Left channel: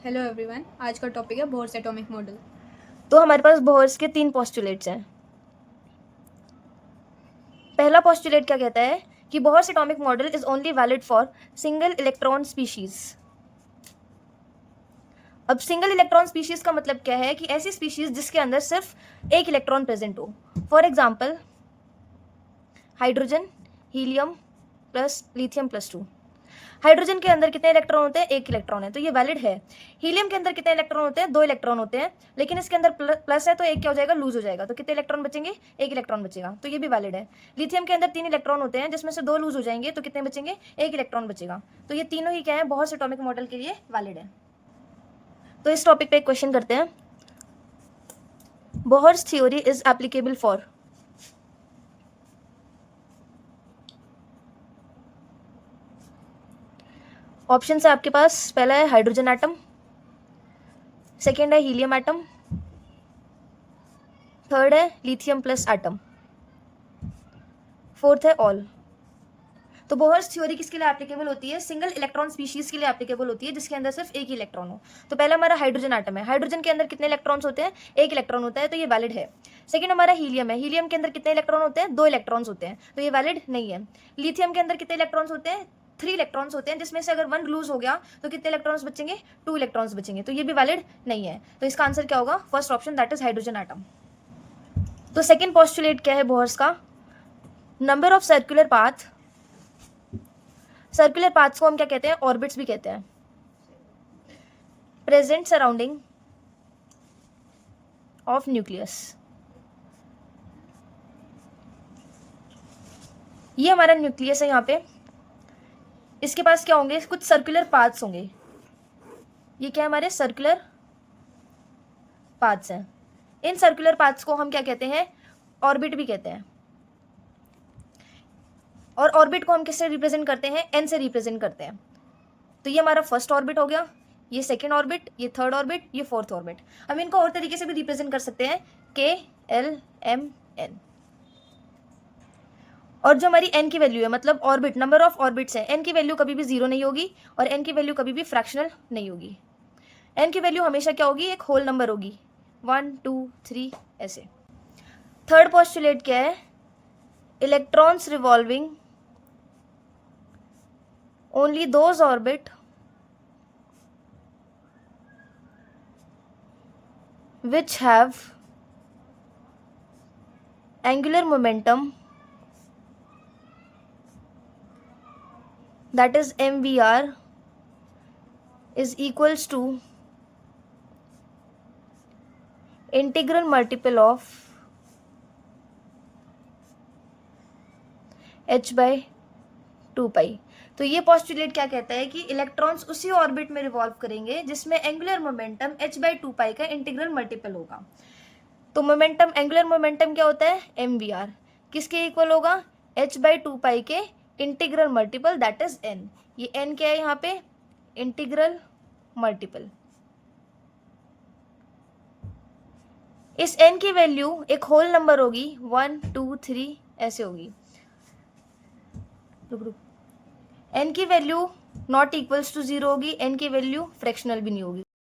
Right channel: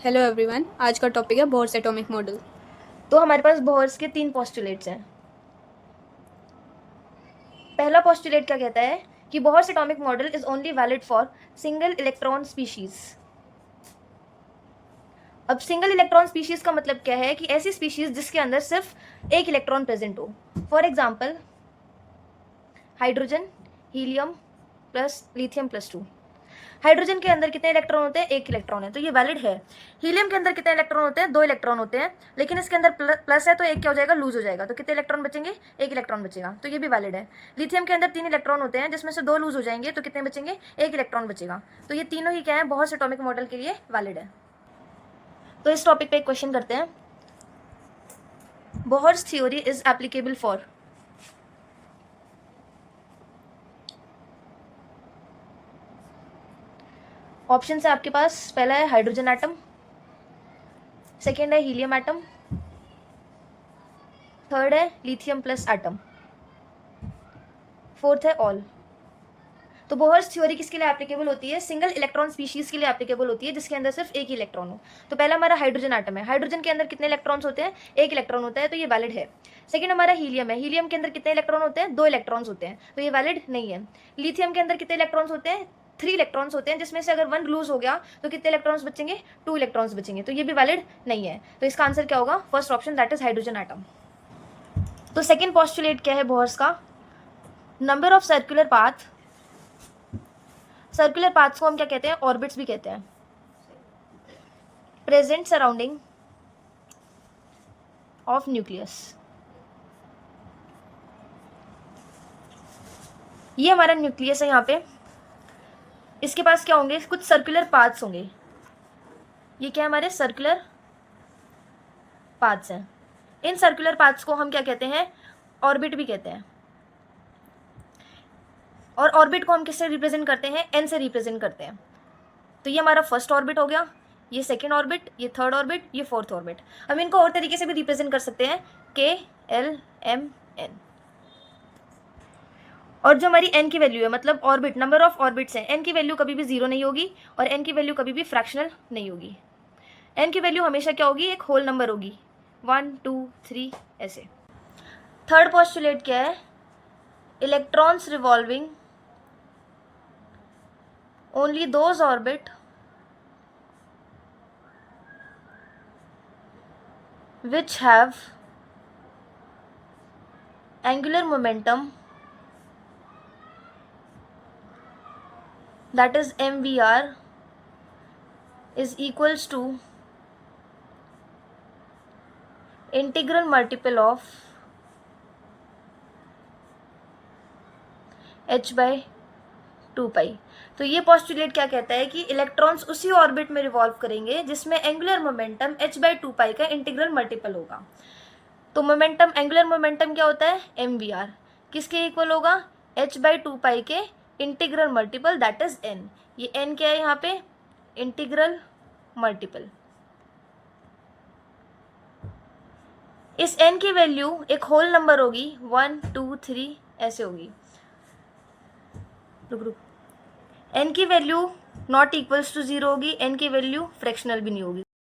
Hello everyone, आज का topic है बोर्स एटॉमिक मॉडल। तो हमारे पास बोहर्स के 3 पोस्टुलेट्स हैं। पहला पोस्टुलेट क्या कहता है कि Bohr's atomic model is only valid for single electron species. अब सिंगल इलेक्ट्रॉन स्पीशीज का मतलब क्या है कि ऐसी स्पीशीज जिसके अंदर सिर्फ एक इलेक्ट्रॉन प्रेजेंट हो। For example hydrogen, helium plus lithium plus 2। Hydrogen के अंदर कितने इलेक्ट्रॉन होते हैं? एक इलेक्ट्रॉन है, तो ये वैलिड है। हीलियम के अंदर कितने इलेक्ट्रॉन होते हैं? 2 इलेक्ट्रॉन होते हैं, लेकिन इसके अंदर प्लस है तो एक क्या हो जाएगा? लूज हो जाएगा। तो कितने इलेक्ट्रॉन बचेंगे? एक इलेक्ट्रॉन बचेगा, तो ये भी वैलिड है। लिथियम के अंदर 3 इलेक्ट्रॉन होते हैं, जिसमें से 2 लूज हो जाएंगे, तो कितने बचेंगे? एक इलेक्ट्रॉन बचेगा। तो ये तीनों ही क्या है? बोहर्स एटॉमिक मॉडल के लिए वैलिड है। तो इस टॉपिक पे एक क्वेश्चन करते हैं। Bohr's theory is applicable for. Option है आपके पास, पहला है हाइड्रोजन एटम, सेकेंड है हीलियम एटम, थर्ड है लिथियम प्लस एटम, फोर्थ है ऑल। तो बोहर्स थ्योरी किसके लिए एप्लीकेबल होती है? सिंगल इलेक्ट्रॉन स्पीशीज के लिए एप्लीकेबल होती है, जिसके अंदर सिर्फ एक ही इलेक्ट्रॉन हो। तो पहला हमारा हाइड्रोजन एटम है। हाइड्रोजन के अंदर कितने इलेक्ट्रॉन्स होते हैं? एक इलेक्ट्रॉन होता है, तो ये वैलिड है। सेकंड हमारा हीलियम है। हीलियम के अंदर कितने इलेक्ट्रॉन होते हैं? 2 इलेक्ट्रॉन्स होते हैं, तो ये वैलिड नहीं है। लिथियम के अंदर कितने इलेक्ट्रॉन्स होते हैं? 3 इलेक्ट्रॉन्स होते हैं, जिसमें से अगर 1 लूज हो गया तो कितने इलेक्ट्रॉन्स बचेंगे? 2 इलेक्ट्रॉन्स बचेंगे, तो ये भी वैलिड नहीं है। तो इसका आंसर क्या होगा? First option, that is hydrogen atom. तो सेकेंड पॉस्टुलेट क्या है बोहर्स का? Number of circular path. Circular paths को हम क्या कहते हैं? ऑर्बिट्स भी कहते हैं। Present surrounding of nucleus. ये हमारा न्यूक्लियस है। यहाँ पे इसके पास क्या होंगे? कुछ सर्कुलर पाथ्स होंगे। ये क्या है? हमारे सर्कुलर पाथ्स हैं। इन सर्कुलर पाथ्स को हम क्या कहते हैं? ऑर्बिट भी कहते हैं। और ऑर्बिट को हम किससे रिप्रेजेंट करते हैं? एन से रिप्रेजेंट करते हैं। तो ये हमारा फर्स्ट ऑर्बिट हो गया, ये सेकेंड ऑर्बिट, ये थर्ड ऑर्बिट, ये फोर्थ ऑर्बिट। हम इनको और तरीके से भी रिप्रेजेंट कर सकते हैं, के एल एम एन। और जो हमारी एन की वैल्यू है, मतलब ऑर्बिट, नंबर ऑफ ऑर्बिट्स हैं, एन की वैल्यू कभी भी 0 नहीं होगी और एन की वैल्यू कभी भी फ्रैक्शनल नहीं होगी। एन की वैल्यू हमेशा क्या होगी? एक होल नंबर होगी, 1 2 3 ऐसे। थर्ड पॉस्टुलेट क्या है? Electrons revolving only those orbit which have angular momentum, that is mvr, is equals to integral multiple of h by 2 पाई। तो ये पॉस्टुलेट क्या कहता है कि इलेक्ट्रॉन्स उसी ऑर्बिट में रिवॉल्व करेंगे जिसमें एंगुलर मोमेंटम h by 2 पाई का इंटीग्रल मल्टीपल होगा। तो मोमेंटम, एंगुलर मोमेंटम क्या होता है? mvr। किसके इक्वल होगा? h by 2 पाई के integral multiple, that is n। ये n क्या है यहाँ पे? Integral multiple. इस n की वैल्यू एक होल नंबर होगी, 1 2 3 ऐसे होगी। रुक रुक, n की वैल्यू नॉट इक्वल्स टू 0 होगी, n की वैल्यू फ्रैक्शनल भी नहीं होगी।